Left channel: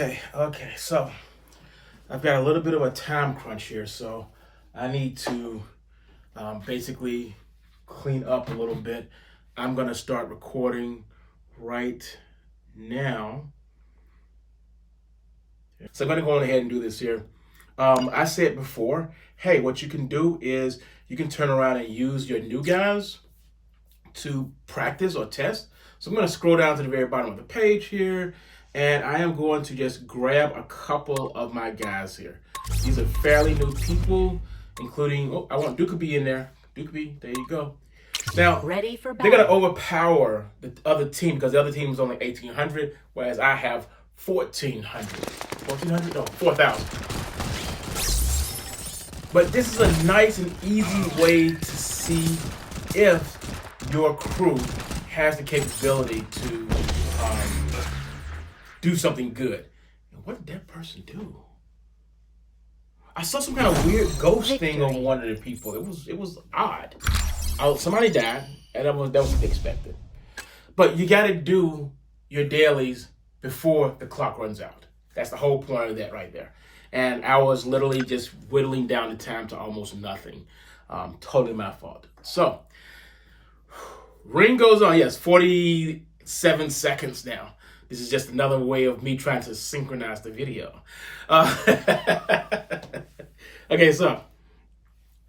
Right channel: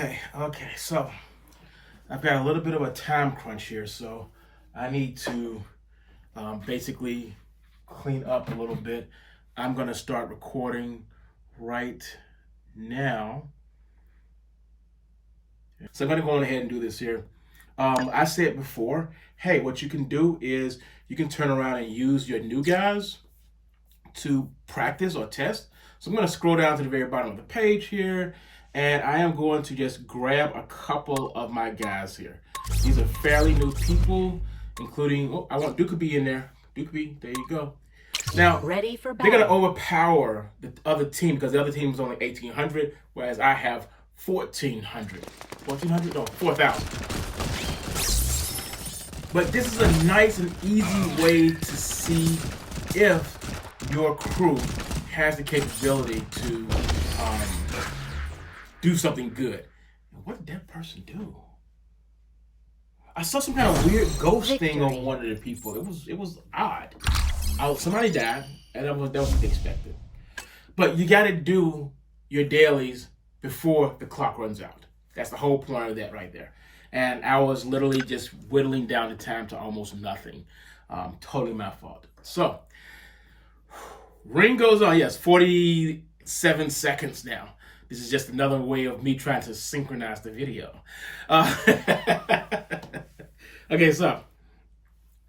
Okay. So I've got a little bit of a time crunch here, so I need to basically clean up a little bit. I'm gonna start recording right now. So I'm gonna go on ahead and do this here. I said before, hey, what you can do is you can turn around and use your new guys to practice or test. So I'm going to scroll down to the very bottom of the page here, and I am going to just grab a couple of my guys here. These are fairly new people, including, I want Dukaby in there. Dukaby, there you go. Now, ready for they're going to overpower the other team because the other team is only 1,800, whereas I have 1,400. 1,400? No, 4,000. But this is a nice and easy way to see if your crew has the capability to do something good. What did that person do? I saw some kind of weird ghost thing on one of the people. It was odd. Somebody died, and that was to be expected. But you got to do your dailies before the clock runs out. That's the whole point of that right there. And I was literally just whittling down the time to almost nothing. Totally my fault. So, ring goes on. Yes, 47 seconds now. This is just another way of me trying to synchronize the video. Okay, so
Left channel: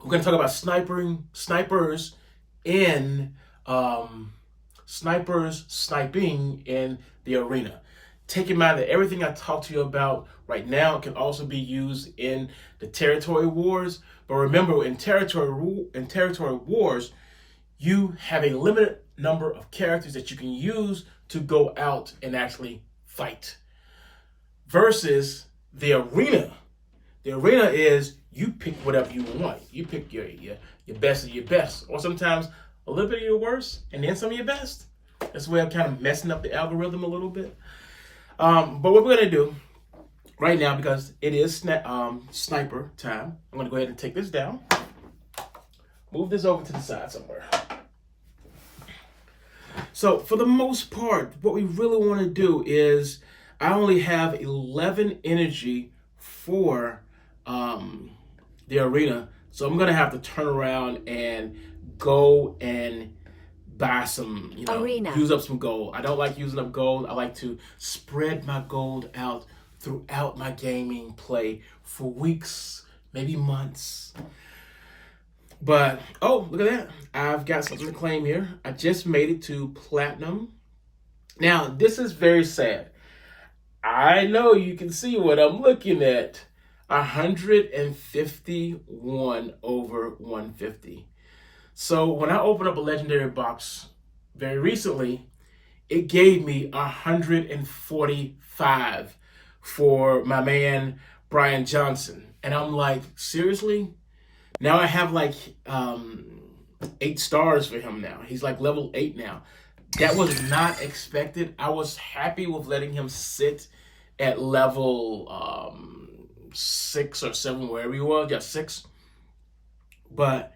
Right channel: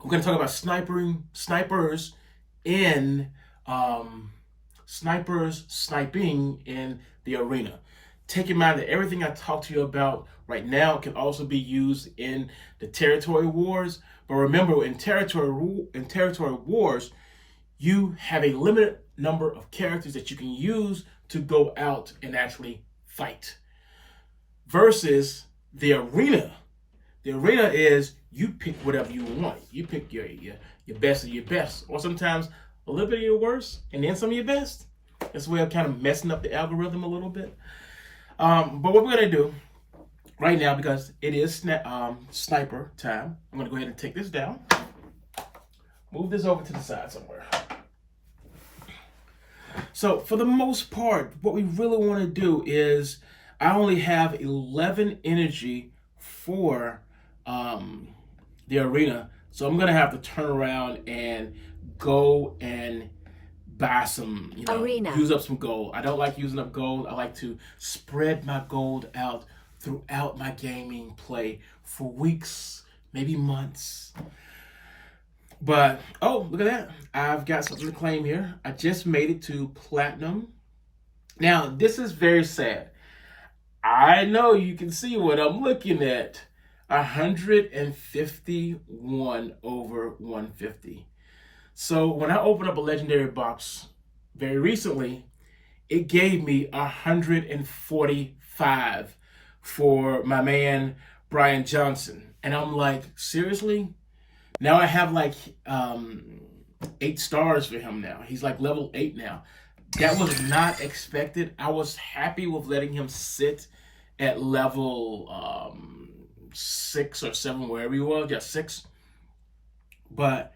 we're going to talk about snipers sniping in the arena. Take in mind that everything I talk to you about right now can also be used in the territory wars. But remember, in territory wars, you have a limited number of characters that you can use to go out and actually fight. Versus the arena. The arena is you pick whatever you want. You pick your best of your best, or sometimes a little bit of your worst, and then some of your best. That's the way I'm kind of messing up the algorithm a little bit. But what we're gonna do right now, because it is sniper time, I'm gonna go ahead and take this down. Move this over to the side somewhere. So for the most part, what we really want to do is I only have 11 energy for the arena. So I'm going to have to turn around and go and buy some, use up some gold. I don't like using up gold. I like to spread my gold out throughout my gaming play for weeks, maybe months. But, oh, look at that. I've got something to claim here. I just made it to platinum. Now, this is very sad. I know you can see what I'm looking at. 151 over 150. So when I opened up a legendary box very recently, it gave me 145 for my man, Brian Johnson. And I'm like, seriously? Now I have like 8 stars for him now. He's like level 8 now. That was not expected. I was happy with letting him sit at level 6 or 7, wherever he was. Yeah, 6. But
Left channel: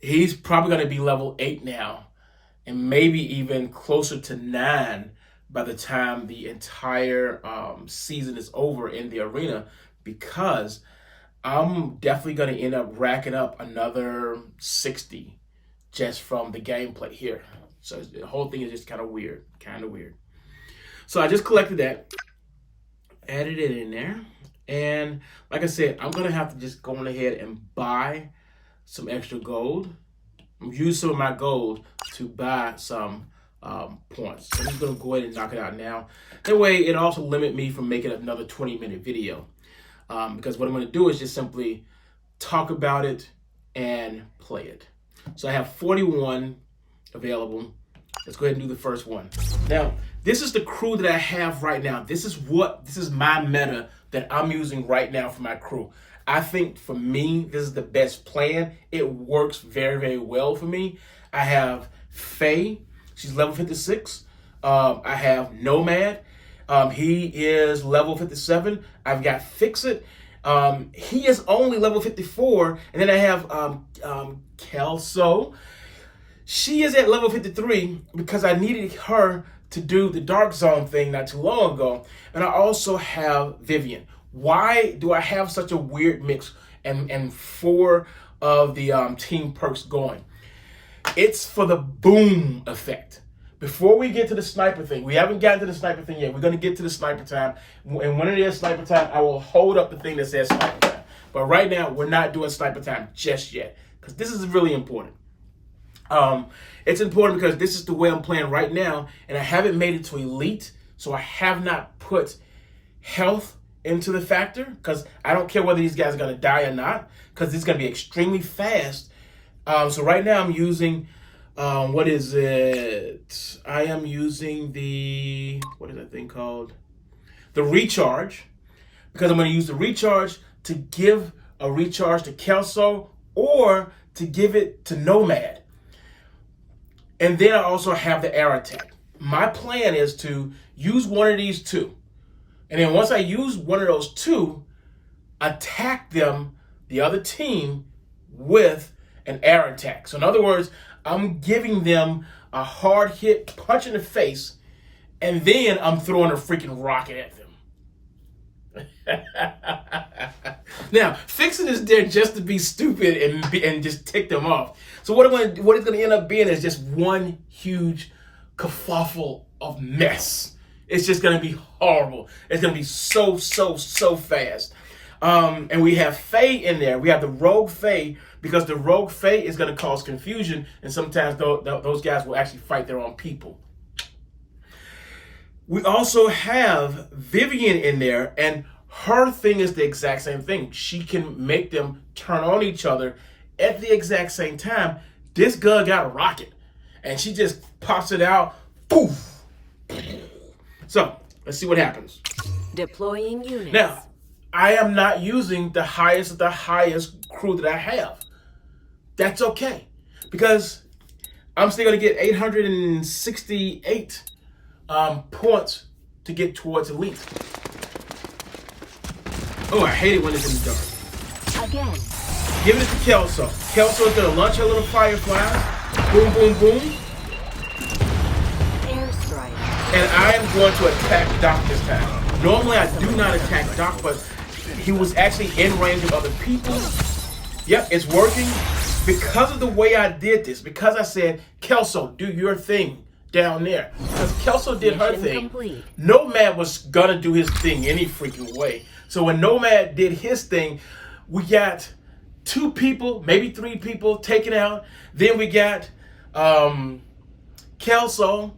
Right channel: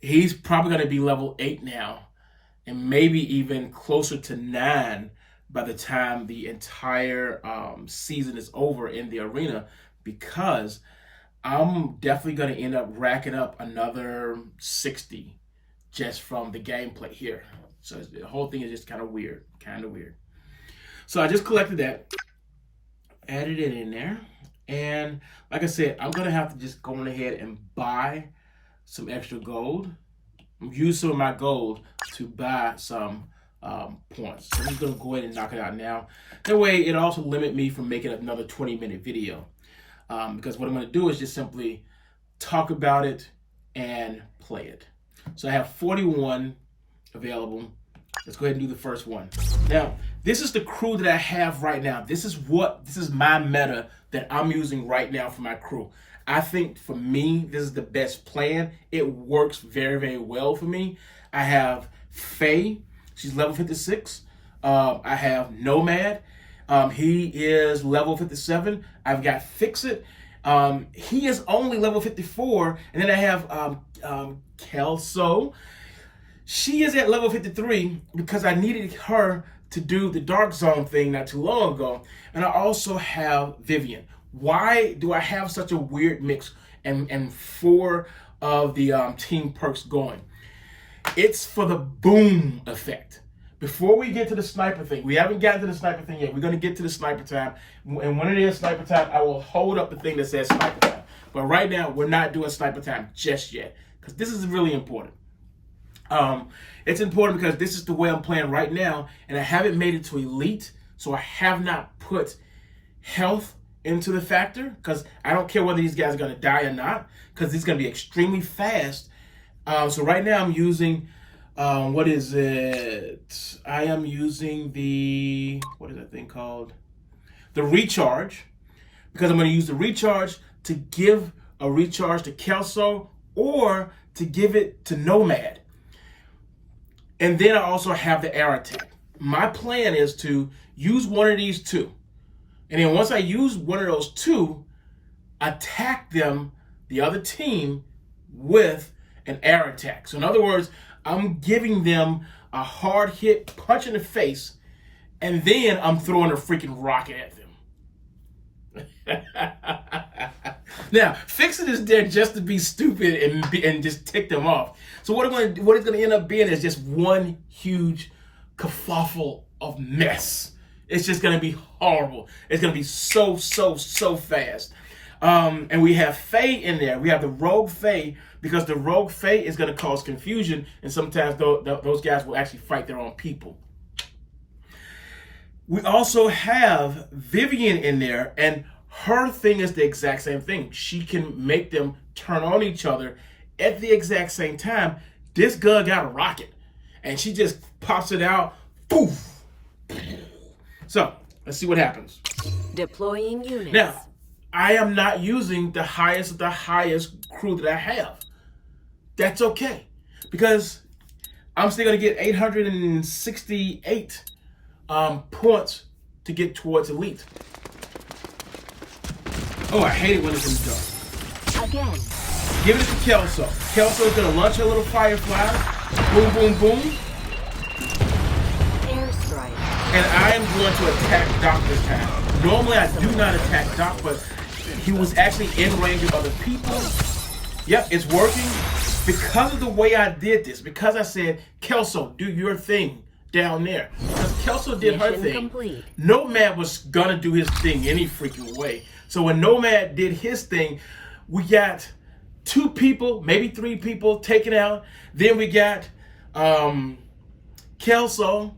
he's probably going to be level 8 now, and maybe even closer to 9 by the time the entire season is over in the arena, because I'm definitely going to end up racking up another 60 just from the gameplay here. So the whole thing is just kind of weird. So I just collected that, added it in there. And like I said, I'm going to have to just go on ahead and buy some extra gold. Use some of my gold to buy some points. So I'm just going to go ahead and knock it out now. That way it also limit me from making another 20-minute video. Because what I'm going to do is just simply talk about it and play it. So I have 41 available. Let's go ahead and do the first one. Now, this is the crew that I have right now. This is my meta that I'm using right now for my crew. I think for me, this is the best plan. It works very, very well for me. I have Faye. She's level 56. I have Nomad. He is level 57. I've got Fix-It. He is only level 54. And then I have Kelso. She is at level 53 because I needed her to do the dark zone thing not too long ago. And I also have Vivian. Why do I have such a weird mix and 4 of the team perks going? It's for the boom effect. Before we get to the sniper thing, we haven't gotten to the sniper thing yet. We're going to get to the sniper time. And when it is sniper time, I will hold up the thing that says sniper time. But right now, we're not doing sniper time just yet, because this is really important. It's important because this is the way I'm playing right now, and I haven't made it to elite, so I have not put health into the factor, because I don't care whether these guys are going to die or not, because it's going to be extremely fast. So right now I'm using, what is it? I am using what is that thing called? The recharge, because I'm going to use the recharge to give a recharge to Kelso or to give it to Nomad. And then I also have the air attack. My plan is to use one of these 2. And then once I use one of those 2, attack them, the other team, with an air attack. So in other words, I'm giving them a hard hit punch in the face, and then I'm throwing a freaking rocket at them. Now, Fix-It is there just to be stupid and just tick them off. So what it's going to end up being is just one huge kerfuffle of mess. It's just going to be horrible. It's going to be so fast. And we have Faye in there. We have the Rogue Faye, because the Rogue Faye is going to cause confusion, and sometimes those guys will actually fight their own people. We also have Vivian in there, and her thing is the exact same thing. She can make them turn on each other at the exact same time. This gun got a rocket, and she just pops it out. Poof! So, let's see what happens. Deploying units. Now, I am not using the highest of the highest crew that I have. That's okay, because I'm still going to get 868 points to get towards elite. Oh, I hate it when it's in the dark. Again. Give it to Kelso. Kelso is going to launch her little firefly. Boom, boom, boom. Airstrike. And I'm going to attack Doc this time. Normally, I do not attack Doc, but he was actually in range of other people. Yep, it's working. Because of the way I did this, because I said, Kelso, do your thing down there. Because Kelso did her thing. Complete. Nomad was going to do his thing any freaking way. So when Nomad did his thing, we got 2 people, maybe 3 people taken out. Then we got Kelso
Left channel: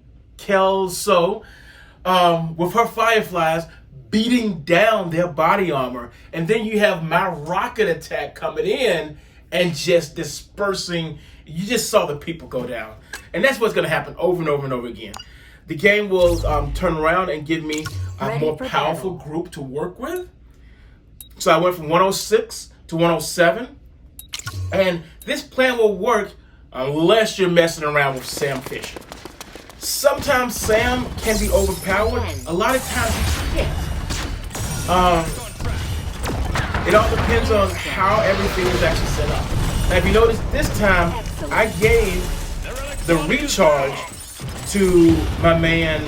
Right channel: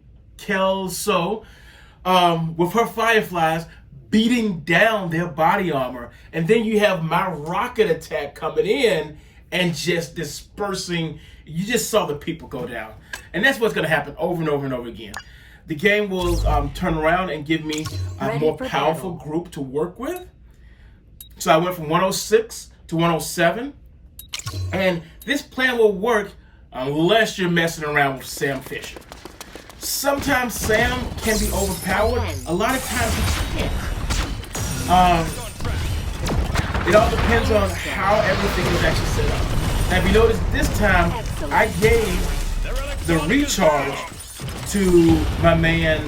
with her fireflies beating down their body armor. And then you have my rocket attack coming in and just dispersing. You just saw the people go down. And that's what's going to happen over and over and over again. The game will turn around and give me a more powerful group to work with. So I went from 106 to 107. And this plan will work unless you're messing around with Sam Fisher. Sometimes Sam can be overpowered. A lot of times he can't. It all depends on how everything is actually set up. Now, if you notice, this time I gave the recharge to my man,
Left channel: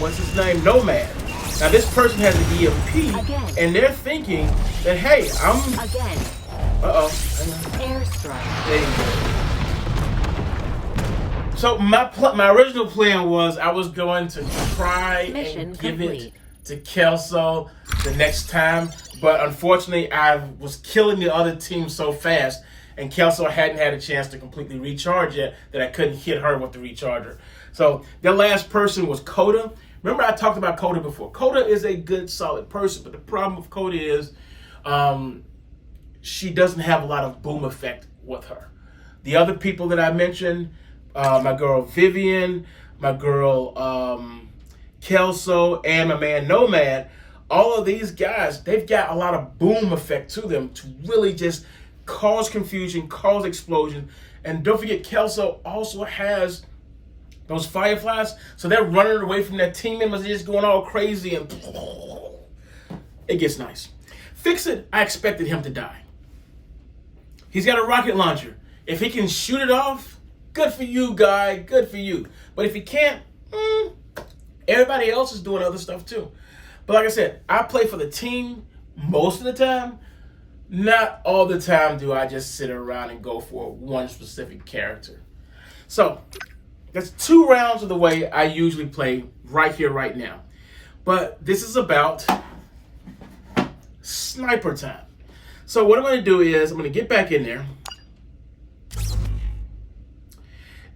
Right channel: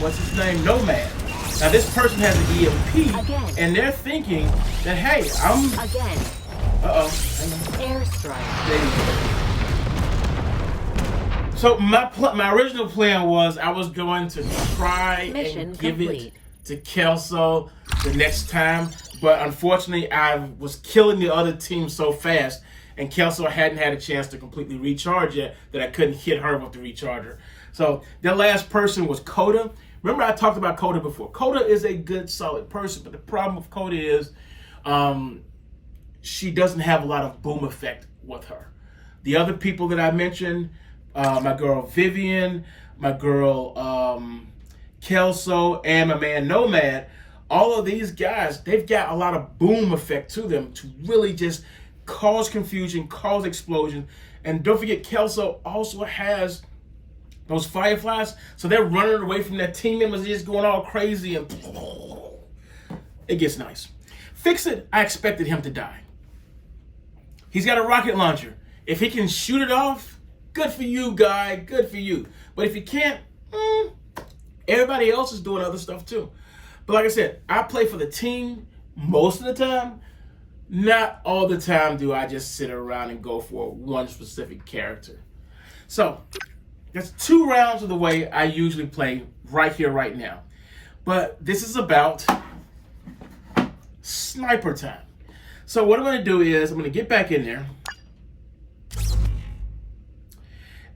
what's his name, Nomad. Now, this person has an EMP, and they're thinking that, hey, I'm... Airstrike. There you go. So my original plan was I was going to try and give it to Kelso the next time, but unfortunately I was killing the other team so fast, and Kelso hadn't had a chance to completely recharge yet that I couldn't hit her with the recharger. So the last person was Coda. Remember I talked about Coda before. Coda is a good, solid person, but the problem with Coda is she doesn't have a lot of boom effect with her. The other people that I mentioned, my girl Vivian, my girl Kelso, and my man Nomad, all of these guys, they've got a lot of boom effect to them to really just cause confusion, cause explosion. And don't forget, Kelso also has those fireflies, so they're running away from their team members, they're just going all crazy, and it gets nice. Fix-It, I expected him to die. He's got a rocket launcher. If he can shoot it off, good for you, guy, good for you. But if he can't, Everybody else is doing other stuff too. But like I said, I play for the team most of the time. Not all the time do I just sit around and go for one specific character. So that's 2 rounds of the way I usually play right here, right now. But this is about sniper time. So what I'm going to do is I'm going to get back in there.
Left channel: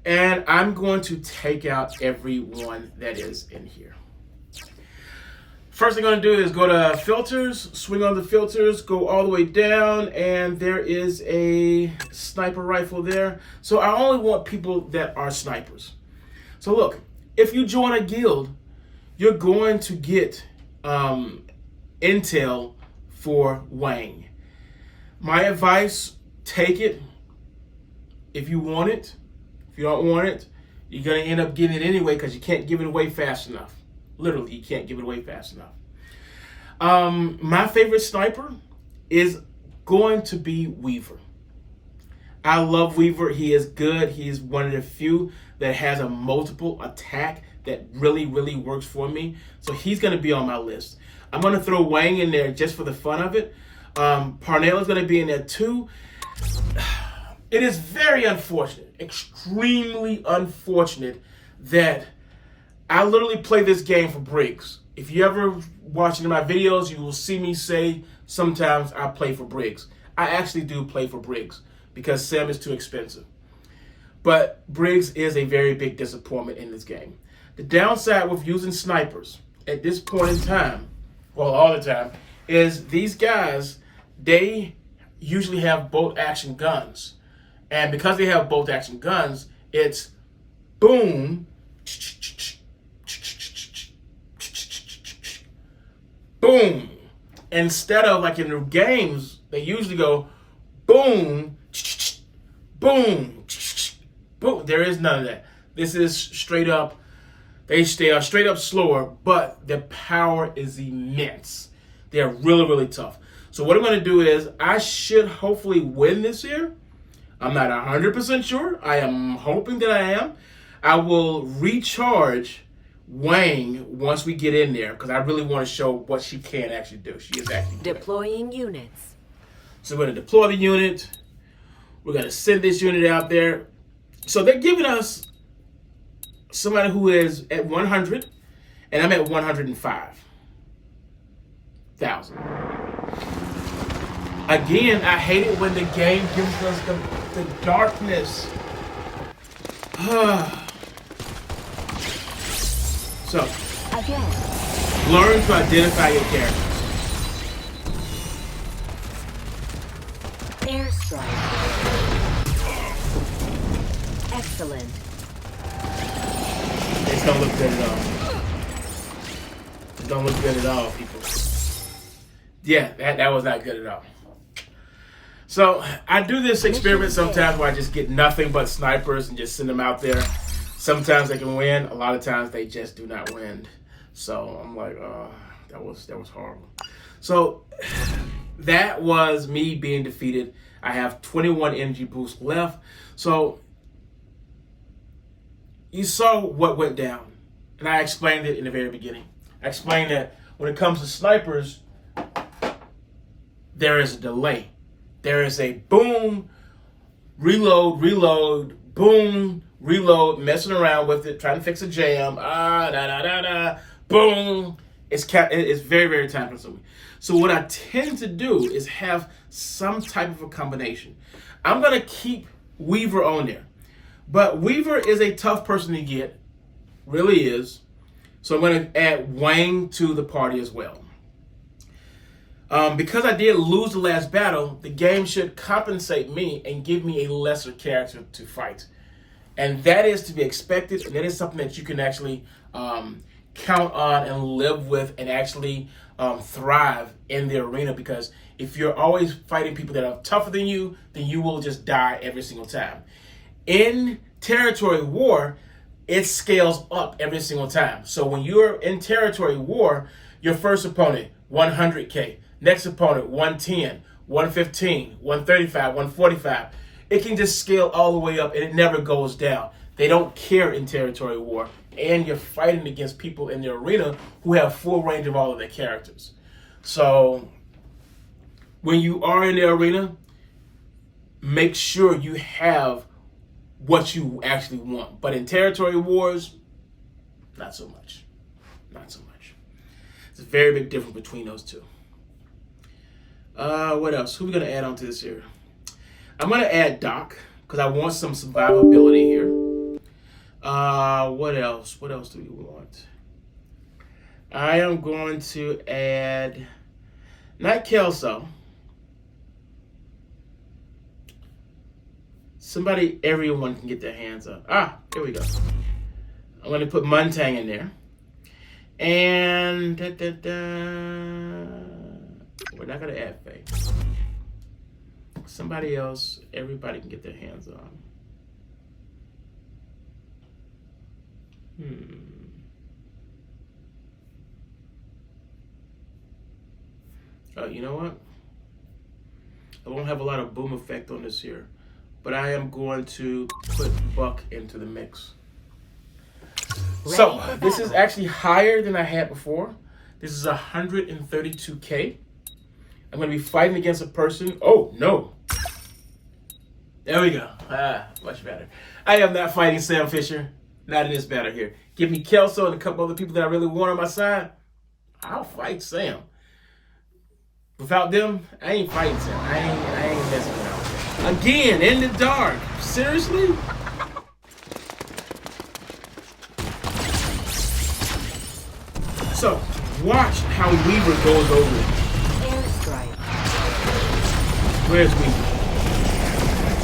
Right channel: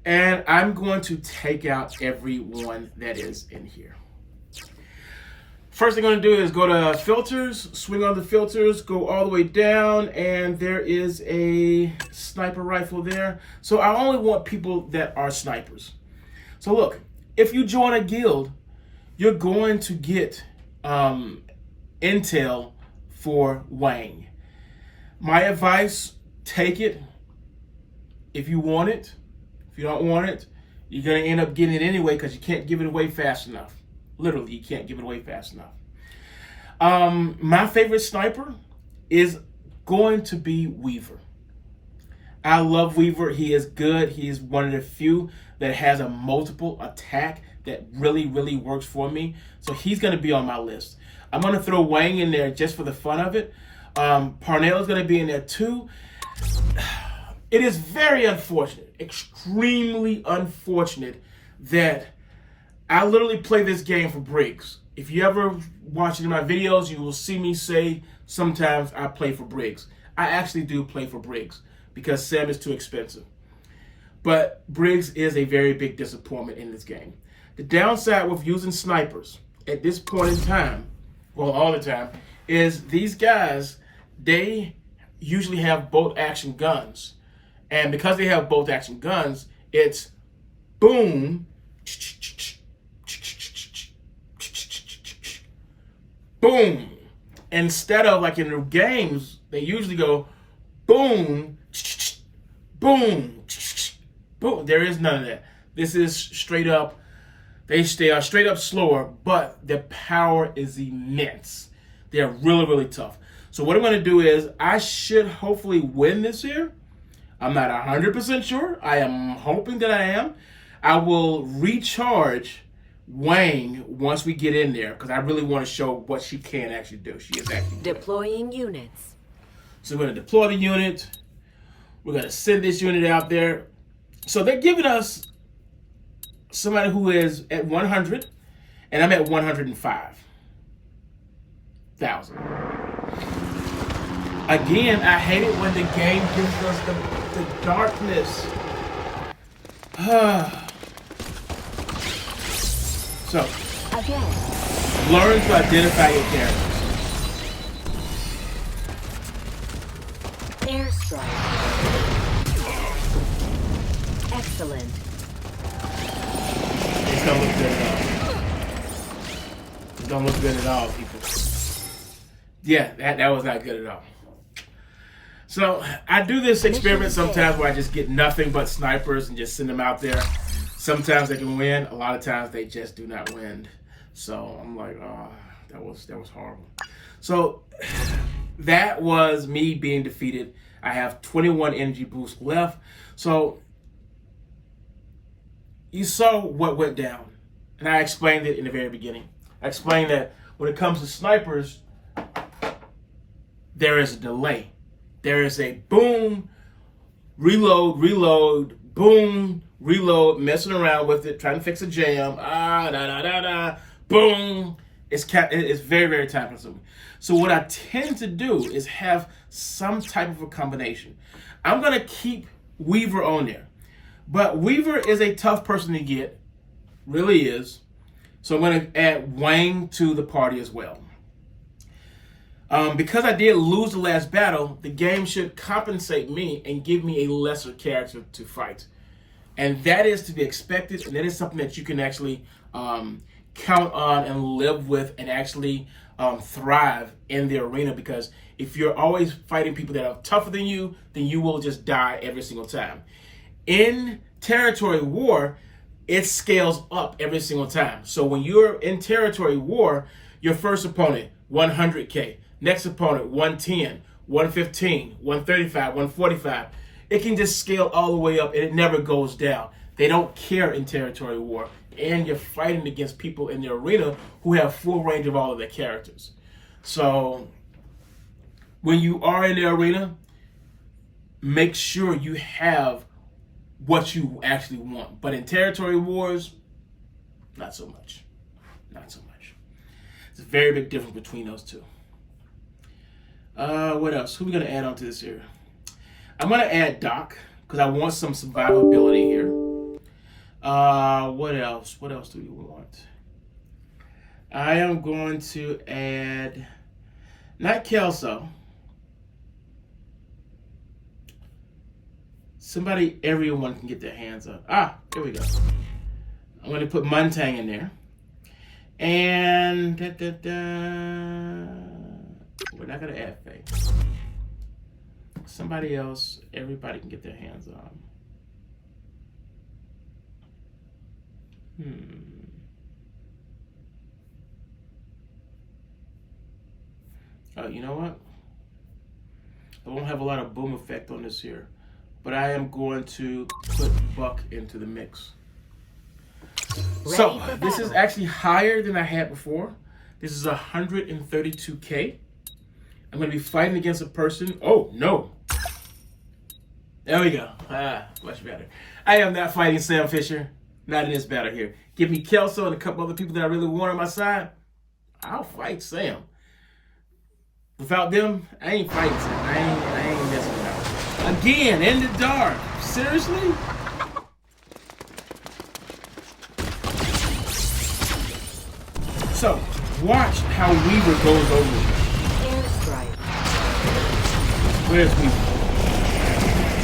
And I'm going to take out everyone that is in here. First thing I'm going to do is go to filters, swing on the filters, go all the way down, and there is a sniper rifle there. So I only want people that are snipers. So look, if you join a guild, you're going to get intel for Wang. My advice, take it if you want it. If you don't want it, you're going to end up getting it anyway because you can't give it away fast enough. Literally, you can't give it away fast enough. My favorite sniper is going to be Weaver. I love Weaver. He is good. He is one of the few that has a multiple attack that really, really works for me. So he's going to be on my list. I'm going to throw Wang in there just for the fun of it. Parnell is going to be in there too. It is very unfortunate, extremely unfortunate that I literally play this game for Briggs. If you ever watch any of my videos, you will see me say sometimes I play for Briggs. I actually do play for Briggs because Sam is too expensive. But Briggs is a very big disappointment in this game. The downside with using snipers at this point in time, well, all the time, is these guys, they usually have bolt action guns. And because they have bolt action guns, it's boom, boom. Instead of like in the games, they usually go boom, boom, boom. There is none of that. This is straight up, they are straight up slower, but their power is immense. They're really, really tough. So what I'm going to do is I should hopefully win this here. I'm not 100% sure. I am hoping that I am. I will recharge Wang once we get in there because I really want to show what she can actually do. She is actually deploying units. So we're going to deploy the unit. We're going to send this unit out there. So they're giving us somebody who is at 100, and I'm at 105,000. Again, I hate it when the game gives us the darkness. So, again, learn to identify your characters. Airstrike. Excellent. This don't look good at all. It don't look good at all, people. Yeah, that was not good at all. So I do this experiment sometimes where I just get nothing but snipers and just send them out there. Sometimes they can win. A lot of times they just do not win. So I'm like, oh, that was horrible. So that was me being defeated. I have 21 energy boosts left. So you saw what went down. And I explained it in the very beginning. I explained that when it comes to snipers, there is a delay. There is a boom, reload, reload, boom, reload, messing around with it, trying to fix a jam, boom. It's very, very time consuming. So what I tend to do is have some type of a combination. I'm going to keep Weaver on there. But Weaver is a tough person to get, really is. So I'm going to add Wang to the party as well. Because I did lose the last battle, the game should compensate me and give me a lesser character to fight. And that is to be expected, and that is something that you can actually count on and live with and actually thrive in the arena, because if you're always fighting people that are tougher than you, then you will just die every single time. In territory war, it scales up every single time. So when you're in territory war, your first opponent, 100K. Next opponent, 110, 115, 135, 145. It can just scale all the way up and it never goes down. They don't care in territory war. and you're fighting against people in the arena who have full range of all of their characters. So when you are in the arena, make sure you have what you actually want. But in territory wars, not so much. Not so much. It's a very big difference between those two. What else? Who are we going to add onto this here? I'm going to add Doc because I want some survivability here. What else? What else do we want? I am going to add, not Kelso. Somebody everyone can get their hands on. There we go. I'm going to put Muntang in there. And we're not going to add Faye. Somebody else, everybody can get their hands on. Oh, you know what? I won't have a lot of boom effect on this here, but I am going to put Buck into the mix. So this is actually higher than I had before. This is 132K. I'm going to be fighting against a person. Oh, no. There we go. Much better. I am not fighting Sam Fisher. Not in this battle here. Give me Kelso and a couple other people that I really want on my side. I'll fight Sam. Without them, I ain't fighting Sam. I ain't messing with them. Again, in the dark. Seriously? So, watch how Weaver goes over. Airstrike. Where's Weaver?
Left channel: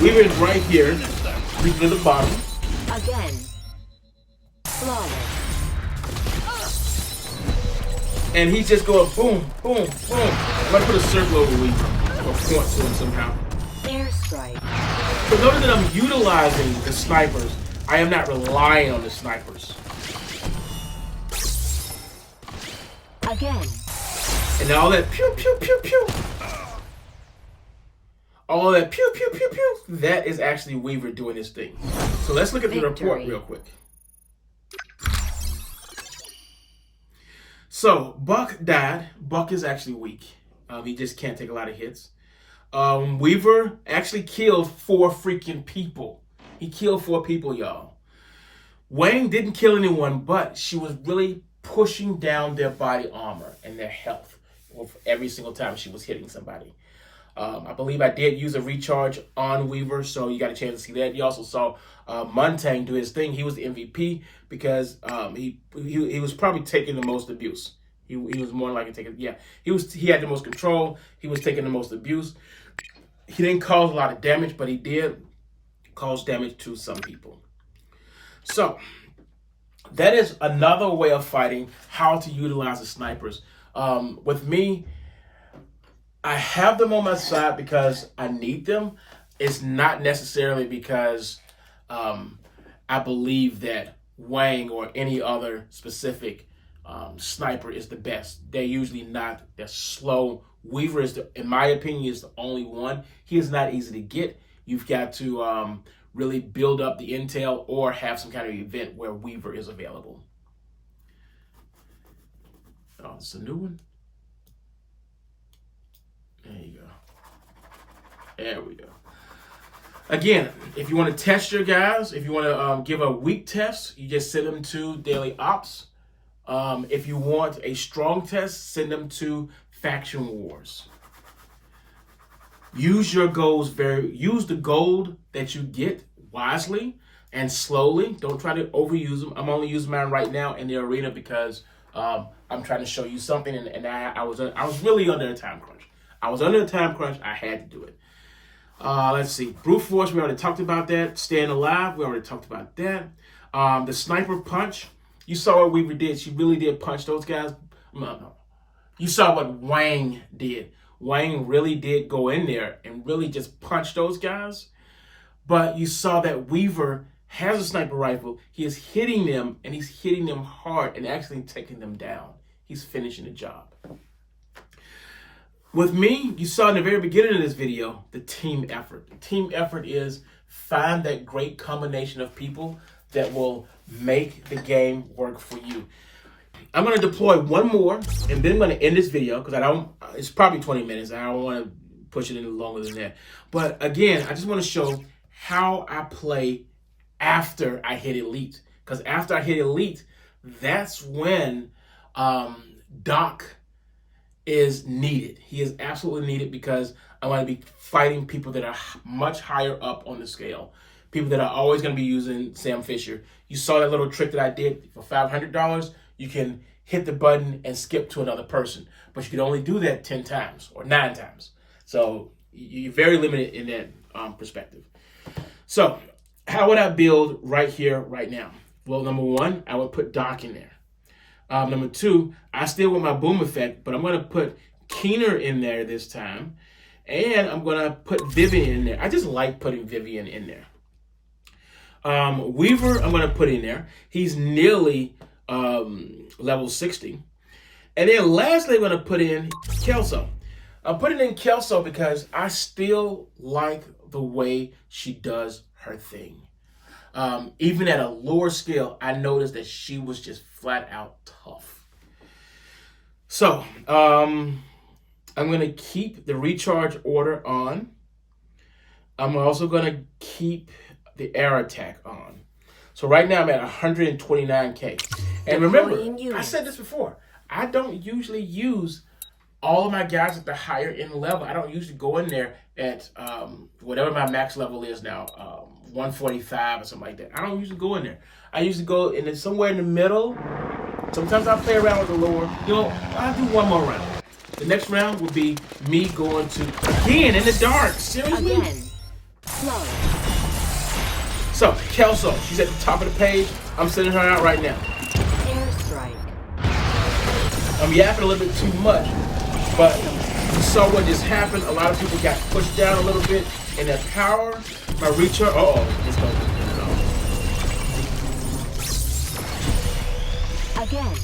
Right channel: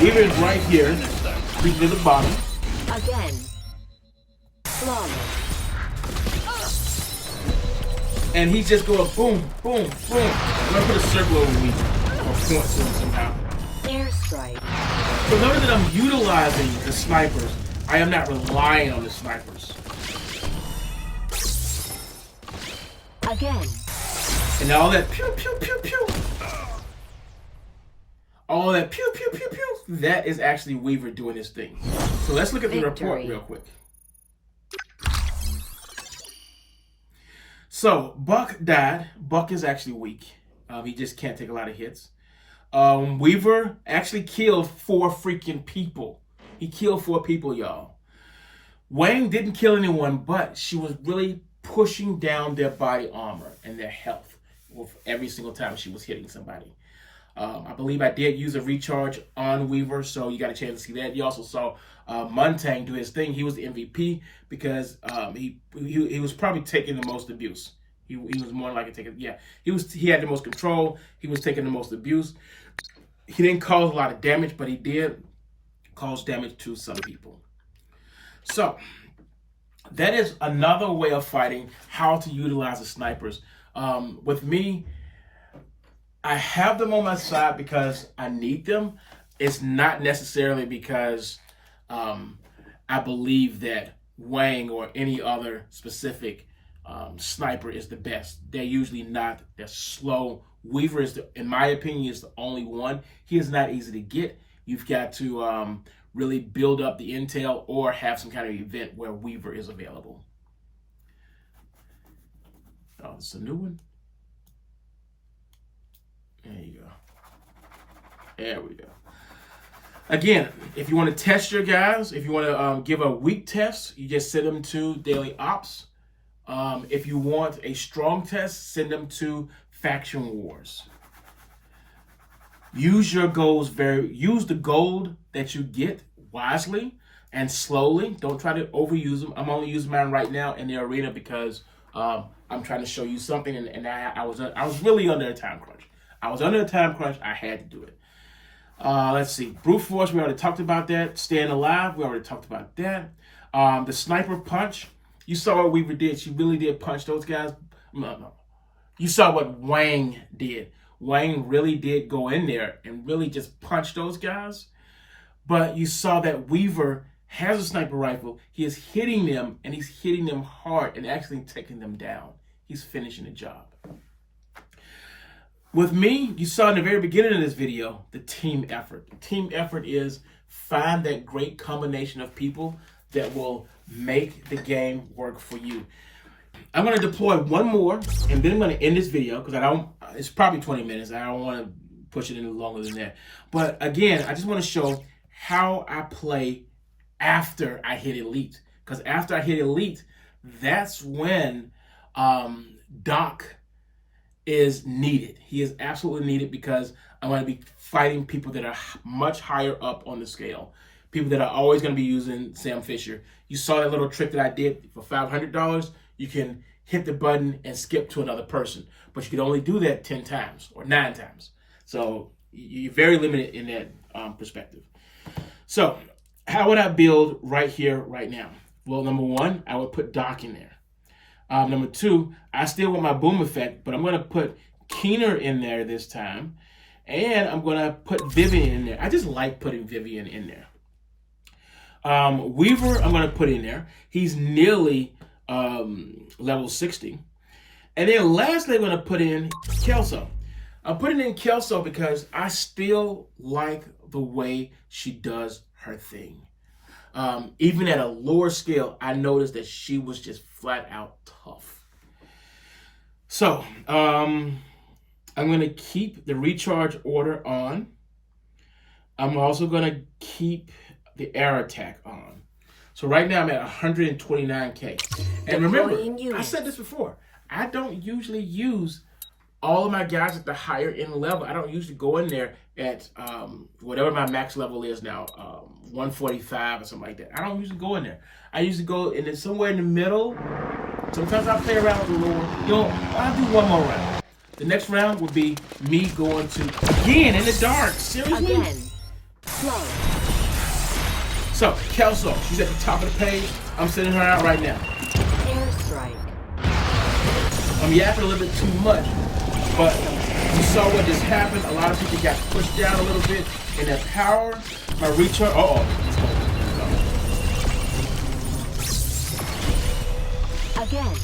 Weaver is right here. Weaver to the bottom. Again. Flawless. And he's just going boom, boom, boom. I'm going to put a circle over Weaver. Or point to him somehow. Airstrike. For those that I'm utilizing the snipers, I am not relying on the snipers. Again. And all that pew, pew, pew, pew. All that pew, pew, pew, pew. That is actually Weaver doing his thing. So let's look at the report real quick. So Buck died. Buck is actually weak. He just can't take a lot of hits. Weaver actually killed 4 freaking people. He killed 4 people, y'all. Wang didn't kill anyone, but she was really pushing down their body armor and their health every single time she was hitting somebody. I believe I did use a recharge on Weaver, so you got a chance to see that. You also saw Muntang do his thing. He was the MVP because he was probably taking the most abuse. He was more likely taking, he had the most control. He was taking the most abuse. He didn't cause a lot of damage, but he did cause damage to some people. So that is another way of fighting, how to utilize the snipers. With me, I have them on my side because I need them. It's not necessarily because I believe that Wang or any other specific sniper is the best. They're usually not. They're slow. Weaver is, in my opinion, is the only one. He is not easy to get. You've got to really build up the intel or have some kind of event where Weaver is available. Oh, it's a new one. There you go. There we go. Again, if you want to test your guys, if you want to give a weak test, you just send them to Daily Ops. If you want a strong test, send them to Faction Wars. Use your goals use the gold that you get wisely and slowly. Don't try to overuse them. I'm only using mine right now in the arena because I'm trying to show you something, and I was really under a time crunch. I was under a time crunch. I had to do it. Let's see. Brute force, we already talked about that. Staying alive, we already talked about that. The sniper punch, you saw what Weaver did. She really did punch those guys. No. You saw what Wang did. Wang really did go in there and really just punch those guys. But you saw that Weaver has a sniper rifle. He is hitting them, and he's hitting them hard and actually taking them down. He's finishing the job. With me, you saw in the very beginning of this video, the team effort. The team effort is find that great combination of people that will make the game work for you. I'm going to deploy one more, and then I'm going to end this video because it's probably 20 minutes. I don't want to push it any longer than that. But again, I just want to show how I play after I hit Elite. Because after I hit Elite, that's when Doc is needed. He is absolutely needed because I want to be fighting people that are much higher up on the scale. People that are always going to be using Sam Fisher. You saw that little trick that I did for $500. You can hit the button and skip to another person. But you can only do that 10 times or 9 times. So you're very limited in that perspective. So how would I build right here, right now? Well, number one, I would put Doc in there. Number two, I still want my boom effect, but I'm going to put Keener in there this time. And I'm going to put Vivian in there. I just like putting Vivian in there. Weaver, I'm going to put in there. He's nearly level 60. And then lastly, I'm going to put in Kelso. I'm putting in Kelso because I still like the way she does her thing. Even at a lower scale, I noticed that she was just flat out tough. So, I'm going to keep the recharge order on. I'm also going to keep the air attack on. So right now I'm at 129K. And remember, I said this before, I don't usually use all of my guys at the higher end level. I don't usually go in there at whatever my max level is now, 145 or something like that. I don't usually go in there. I usually go in there somewhere in the middle. Sometimes I play around with the lower. I'll do one more round. The next round would be me going to, again, in the dark. Seriously? Again. Flawless. So, Kelso, she's at the top of the page. I'm sending her out right now. Airstrike. I'm yapping a little bit too much, but you saw what just happened. A lot of people got pushed down a little bit, and that power, my recharge, Again.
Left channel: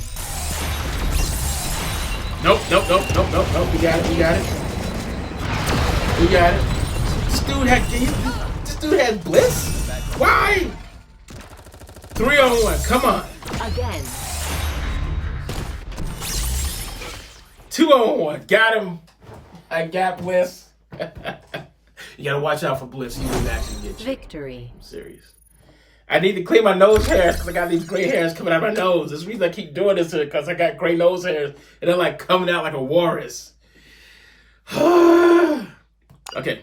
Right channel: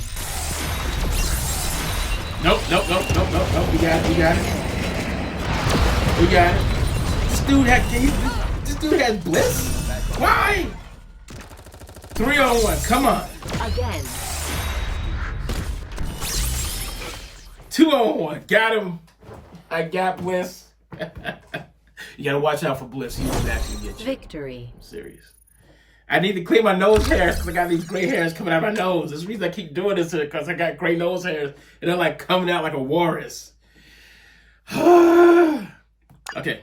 Nope. We got it. This dude has bliss? Why? 3-on-1, come on. Again. 2-on-1, got him. I got bliss. You gotta watch out for bliss. He will actually get you. Victory. I'm serious. I need to clean my nose hairs because I got these gray hairs coming out of my nose. That's the reason I keep doing this because I got gray nose hairs and they're like coming out like a walrus. Okay.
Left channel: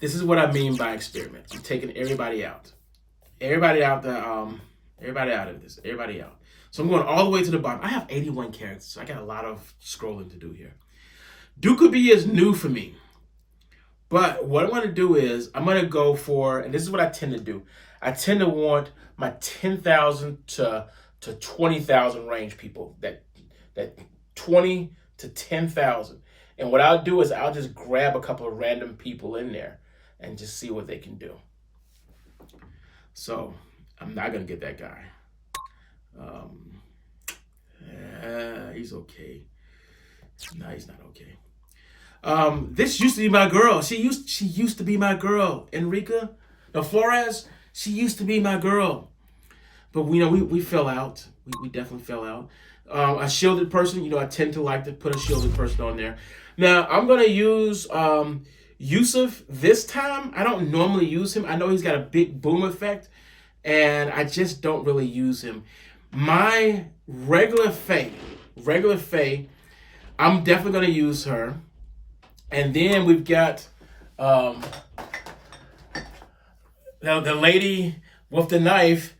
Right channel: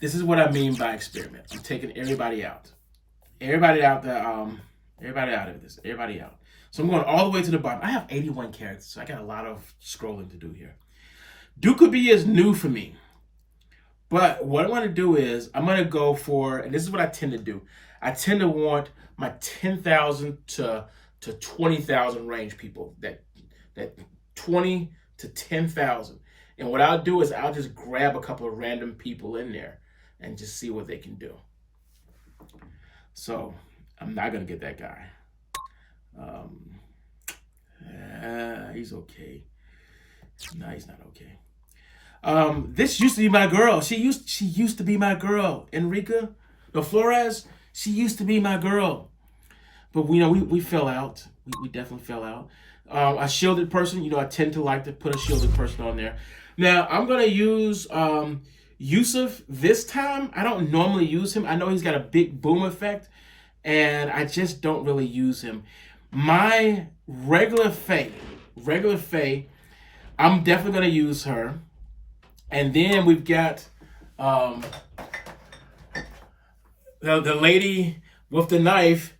This is what I mean by experiment. I'm taking everybody out. Everybody out of this. Everybody out. So I'm going all the way to the bottom. I have 81 characters, so I got a lot of scrolling to do here. Dukubi is new for me. But what I want to do is, I'm going to go for, and this is what I tend to do. I tend to want my 10,000 to 20,000 range people. That 20 to 10,000. And what I'll do is I'll just grab a couple of random people in there and just see what they can do. So I'm not going to get that guy. He's okay. No, he's not okay. This used to be my girl. She used to be my girl. Enrica, no, Flores, she used to be my girl. But we fell out. We definitely fell out. A shielded person, I tend to like to put a shielded person on there. Now, I'm going to use Yusuf this time. I don't normally use him. I know he's got a big boom effect, and I just don't really use him. My regular Faye, I'm definitely going to use her. And then we've got the lady with the knife.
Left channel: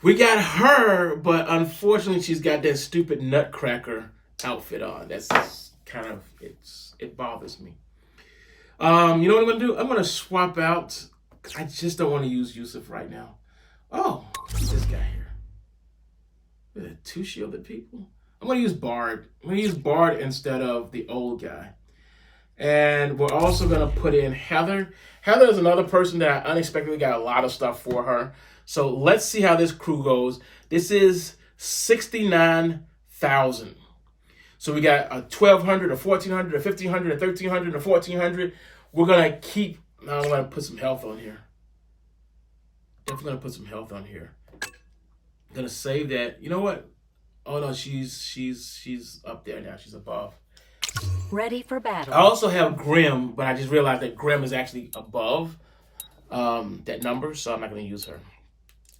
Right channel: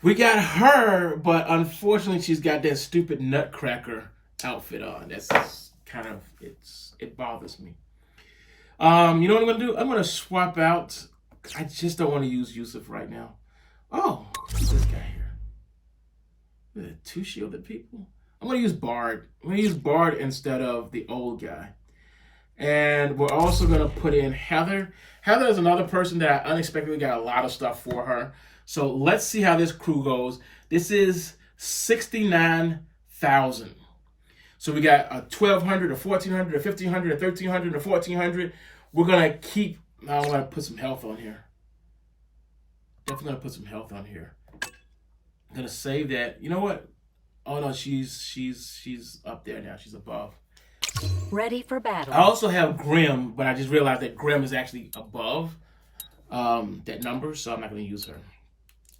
We got her, but unfortunately she's got that stupid nutcracker outfit on. That's kind of, it bothers me. You know what I'm going to do? I'm going to swap out. I just don't want to use Yusuf right now. Oh, who's this guy here? 2 shielded people. I'm going to use Bard. I'm going to use Bard instead of the old guy. And we're also going to put in Heather. Heather is another person that I unexpectedly got a lot of stuff for her. So let's see how this crew goes. This is 69,000. So we got a 1200, a 1400, a 1500, a 1300, a 1400. We're going to keep, I'm going to put some health on here. Definitely going to put some health on here. I'm going to save that. You know what? Oh no, she's up there now. She's above. Ready for battle. I also have Grim, but I just realized that Grim is actually above that number, so I'm not going to use her.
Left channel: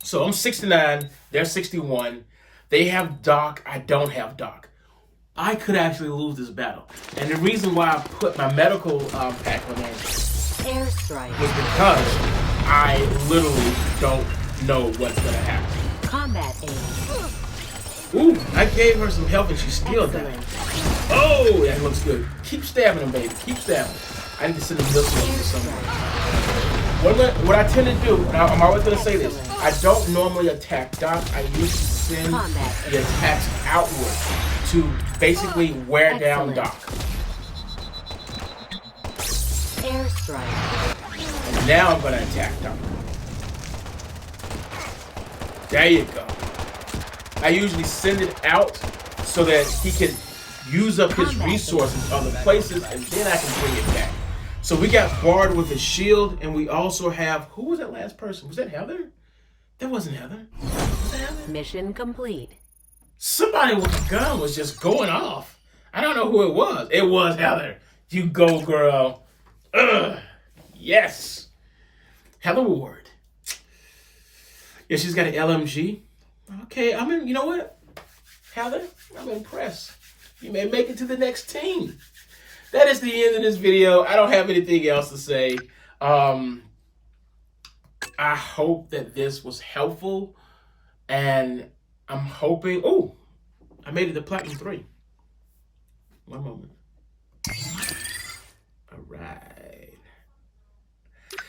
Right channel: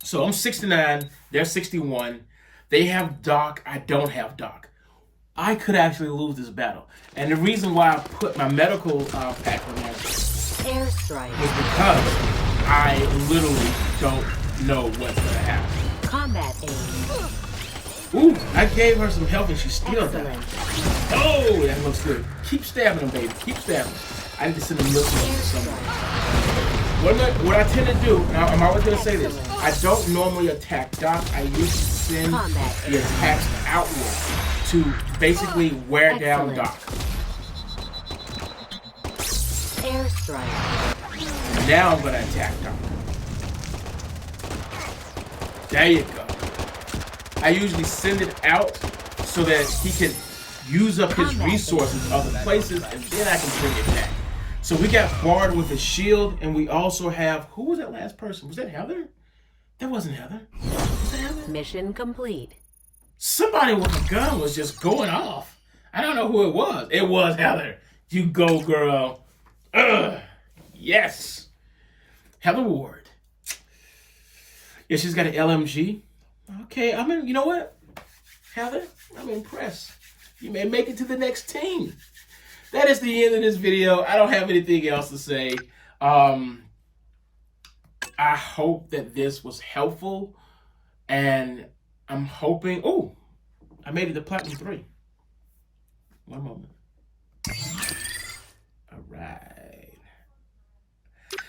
So I'm 69. They're 61. They have Doc. I don't have Doc. I could actually lose this battle. And the reason why I put my medical pack on there Airstrike. was because I literally don't know what's going to happen. Combat aim. Ooh, I gave her some health and she still died. Excellent. Oh, that looks good. Keep stabbing them, baby. Keep stabbing. I need to send a milk to somewhere. Airstrike. What I tend to do, and I'm always going to say this, I don't normally attack Doc. I usually send the attacks outward to basically wear down Doc. Airstrike. Now I'm going to attack Doc. There you go. I usually send it out so that he can use up his resources other places, and then I can bring it back. So we got Bard with a shield, and we also have, who was that last person? Was that Heather? That wasn't Heather. Was that Heather? Mission complete. Somebody with a gun was just going off. I don't know who it was. It was Heather. You go, girl. Yes. Heather Ward. Yeah, she's got an LMG. Okay, you know what? Heather, I'm impressed. You may make it to the next team. That is the end of this video. I don't have anything else to say. I hope that this was helpful. And I'm hoping... Oh, I made it to Platinum 3. One moment. All right.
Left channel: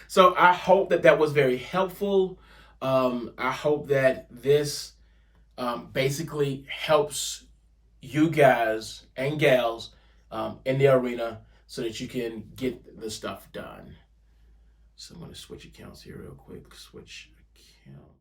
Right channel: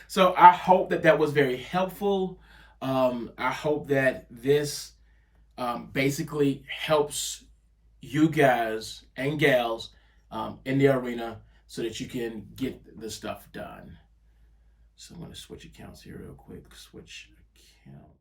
So I hope that that was very helpful. I hope that this basically helps you guys and gals in the arena so that you can get the stuff done. So I'm going to switch accounts here real quick. Switch account.